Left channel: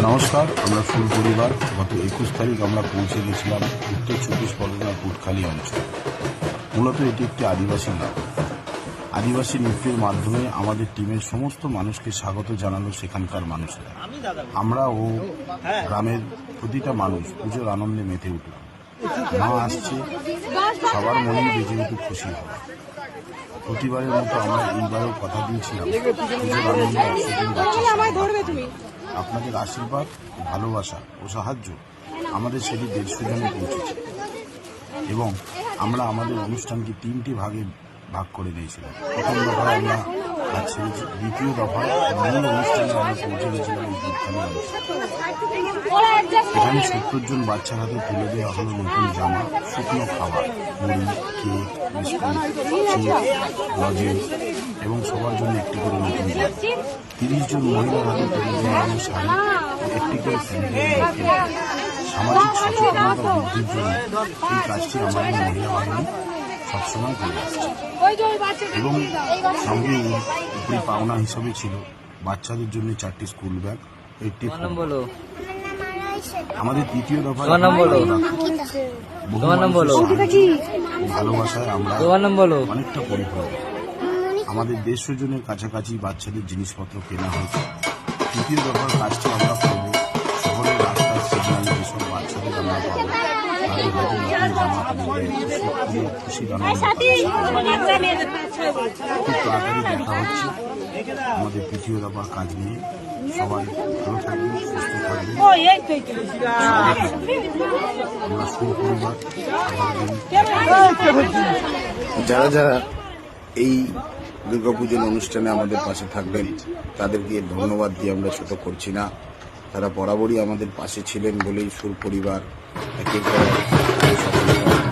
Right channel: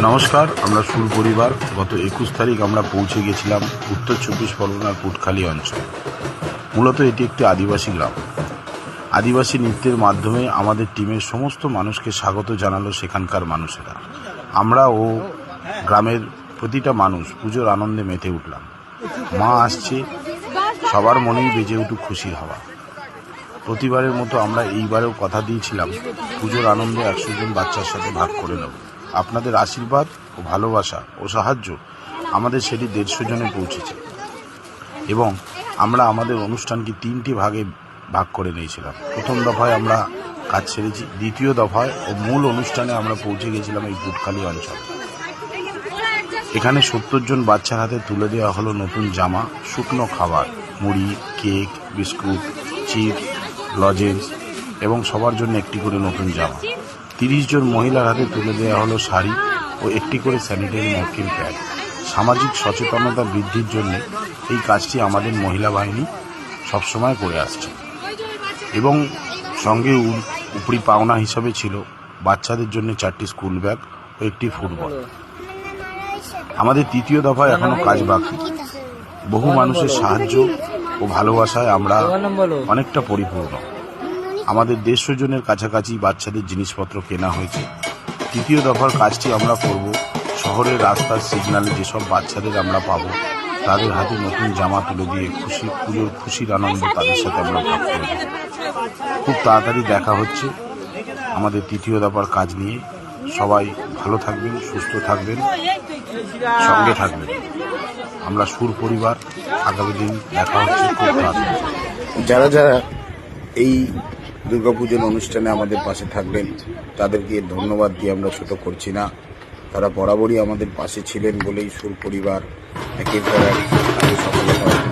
নমস্কার, আমরা ফুল পরিবার। গত একুশ তারিখ আমরা পৌঁছে গেছিলাম উত্তর চব্বিশ পরগনার কুটখালি অঞ্চল। মূলত এটি একটি আদিবাসী গ্রাম। আদিবাসী নৃত্যের মাধ্যমে আমাদের টিমের সমস্ত মানুষকে স্বাগত জানালো সেখানকার মানুষেরা। আমরা ও গ্রামের প্রতিটা মানুষ পুজোর আনন্দে মেতে উঠলাম। মা আসছে, সবার মনেই বেজে উঠুক খুশি হওয়া। প্রতিবারের মতো আমরা এইবারেও কথা দিয়েছিলাম, পুজোর আনন্দে একশো জন বাচ্চার সাথে ভাগ করে নেব। আপনাদের আশীর্বাদ ও ভালোবাসা ও সাহায্য আমাদের সেটি দেড়শো জনে পৌঁছেছে। এবং আমরা আমাদের অনুষ্ঠানকে তিনটি ভাগে ভাগ করে নিয়েছিলাম। প্রথম দফায় আমরা কাজ ছেড়েছি দ্বিতীয় দফায় মূল অনুষ্ঠানে আমরা পৌঁছে গেছিলাম এই দুধখালি অঞ্চলে। এখানে সত্তর জন বাচ্চার হাতে তুলে দেওয়া হলো নতুন জামা, শুকনো খাবার, মুড়ি, কেক, বিস্কুট, চিপস, লজেন্স এবং সবার জন্য একটি করে নতুন জামা। তিরিশ জন মহিলার হাতে তুলে দেওয়া হলো শাড়ি ও একটি করে স্যানিটারি ন্যাপকিন প্যাড সামাজিক সচেতনতা বৃদ্ধির জন্য এই কাজটি আমাদের মহিলা বাহিনী সবসময় করে আসছে। এবং সঙ্গে উপরি পাওনা হিসাবে ছিল বাচ্চাদের জন্য চারটি স্কুল ব্যাগ ও একটি ফুটবল আমাদের তৃতীয় দফায় এখনও কাজ বাকি। বহু মানুষের সাহায্য ও ভালোবাসায় আমরা অনেকটা পরিপূর্ণ। আমাদের দেড়শো জনের কাছাকাছি বাচ্চাদের জিনিসপত্র কেনা হয়েছে। তৃতীয় দফার কাজটি আমরা করব। শহরের রাস্তার সিগন্যালে যেসব বাচ্চাদের আমরা পাবো তাদের হাতে নতুন জামা তুলে দিয়ে খুশি পুজোর খুশির আনন্দ তাদের সাথে আমরা খুব তাড়াতাড়ি দেখা হচ্ছে। আমাদের তৃতীয় দফার কাজ নিয়ে সবাই ভালো থাকবেন সুস্থ থাকবেন সঙ্গে থাকবেন। আমরা সুর পরিবার আগামী দিন দেখা হচ্ছে যারা যারা এই দুর্গাপুজোর অনুষ্ঠানে আমাদের পাশে থাকবেন। তাদেরকে ধন্যবাদ দিয়ে আমরা ছোট করছি না। তারা বরাবরই আমাদের পাশে ছিলেন বলেই সুর পরিবার একের পর এক সফলতা